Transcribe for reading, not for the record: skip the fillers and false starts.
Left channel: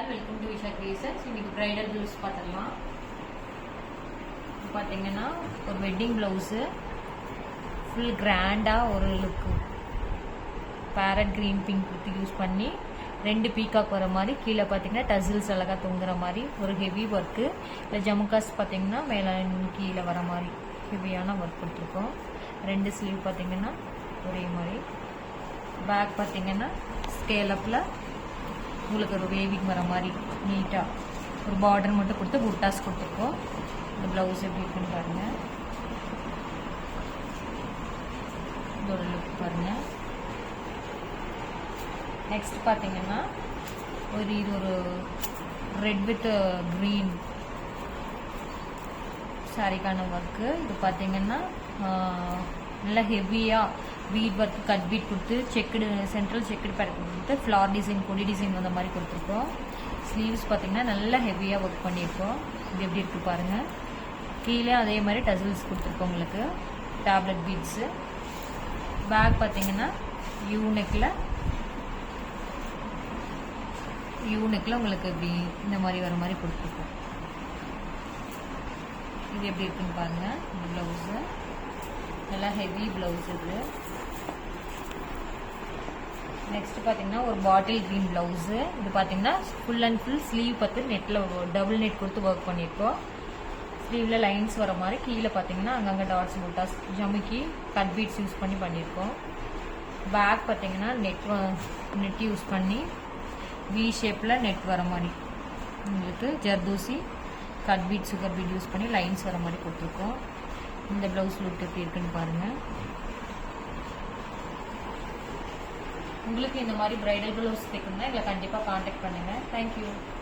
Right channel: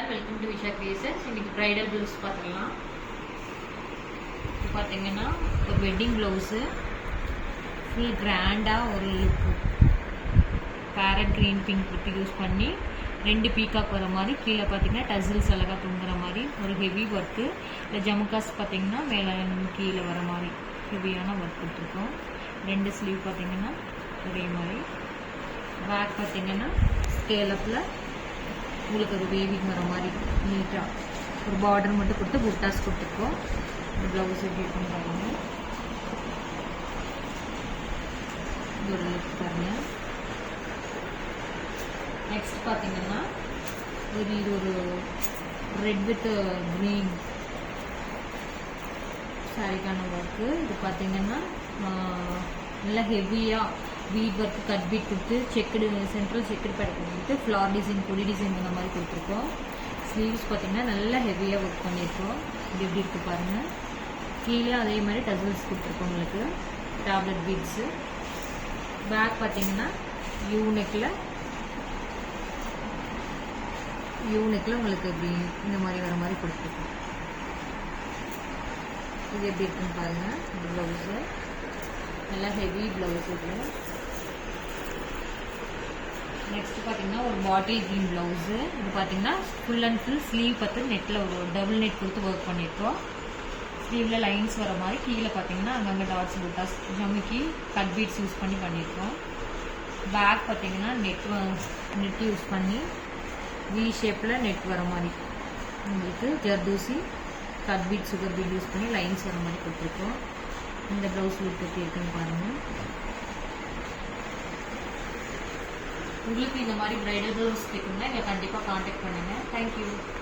All welcome to Visha creations. இன்னைக்கு bridal blouse பார்த்துக்கலாம். பார்த்தீங்கன்னா ஒரு வெட்டிங் ப்ளவுஸு ஃபுல் கிராண்டாக ஒரு லுக்கு பேரட் க்ரீன் பிங்க் கொடுத்து யூஸ் பண்ணி 2 பீகாக் வர மாதிரி கீழே பார்த்தீங்கன்னா டசில்ஸ் அழகாக தொங்குற மாதிரி ஒரு ஹெவி ஒர்க்கு. ஜமுக்காஸ் பார்த்தீங்கன்னா மேலே கீழே வர மாதிரி ஹெவியான ஒர்க் கொடுத்துருக்கோம். 2 ஸ்லீவ் பார்த்தீங்கன்னா ஒரே மாதிரி. பேக் பார்த்தீங்கன்னா ஸ்கேலப்பில் உங்களுக்கு ஒரு வேவிங் வர மாதிரி நீட்டாக ஒரு பார்டர் மட்டும் கொடுத்து புட்டாஸ் கொடுத்துருக்கோம். ப்ளவுஸ் எப்படி இருக்குன்னு பாருங்கள். ஒரு லுக் பாருங்கள். நெக்ஸ்ட் பார்த்தீங்கன்னா இது ஒரு ரெட் வித் க்ரீன் சாரிக்கான ஒர்க்கு. இது பார்த்தீங்கன்னா நல்லா ஹெவியாக பீட் ஒர்க்கு கட் பீட் கொடுத்து செக்குடு சென்ட்ரல் செக்குடு பேட் கொடுத்துட்டு ஃப்ளார் டிசைன் கொடி டிசைன் அந்த மாதிரி கொடுத்துருக்கோம். ஸ்லீவ்ஸ் பார்த்தீங்கன்னா நல்லா ஹெவியாக ஒர்க் பண்ணியிருக்கோம். இது எப்படி இருக்குது பாருங்கள். கீழே அதே மாதிரி டசில்ஸ் கொடுத்துருக்கோம் உங்களுக்கு டேப்லெட் பீட்ஸு. பேக் பார்த்தீங்கன்னா யூனெக்கில் உங்களுக்கு இப்படி இந்த மாதிரி வர மாதிரி கொடுத்துருக்கோம். இது எப்படி இருக்குன்னு பாருங்கள். இந்த ப்ளவுஸு நல்லா ஹெவி ப்ளவுஸ். இது நெக்ஸ்ட் பார்த்தீங்கன்னா ஒரு பாட்டில் க்ரீன் ப்ளவுஸு. இது பார்த்தீங்கன்னா ஃபுல் அண்ட் ஃபுல் ஸ்லீவ் பார்த்து நெட்டில் ஒரு டபுள் நெட் கொடுத்து ஒர்க் பண்ணியிருக்கோம். ஸ்லீவில் லைன்ஸ் வர மாதிரி கீழே பார்த்தீங்கன்னா அங்கங்கே டாட்ஸ் புட்டாஸ் ஜமிக்கி கட் பீட்ஸ் யூஸ் பண்ணி பண்ணியிருக்கோம். பேக் பார்த்தீங்கன்னா நெட் யூஸ் பண்ணி வி ஷேப்பில் நெட் வர மாதிரி உங்களுக்கு zardozi cut beat sugar beat use பண்ணி லைன்ஸ் வர மாதிரி கொடுத்துருக்கோம். இந்த ப்ளவுஸ் லுக் எப்படி இருக்குன்னு பாருங்கள். உங்களுக்கு இந்த மாதிரி பிரைடல் ப்ளவுஸ் தைக்கணும்னா இதை கண்டிப்பாக காண்டாக்ட் பண்ணுங்கள். தேங்க்யூ.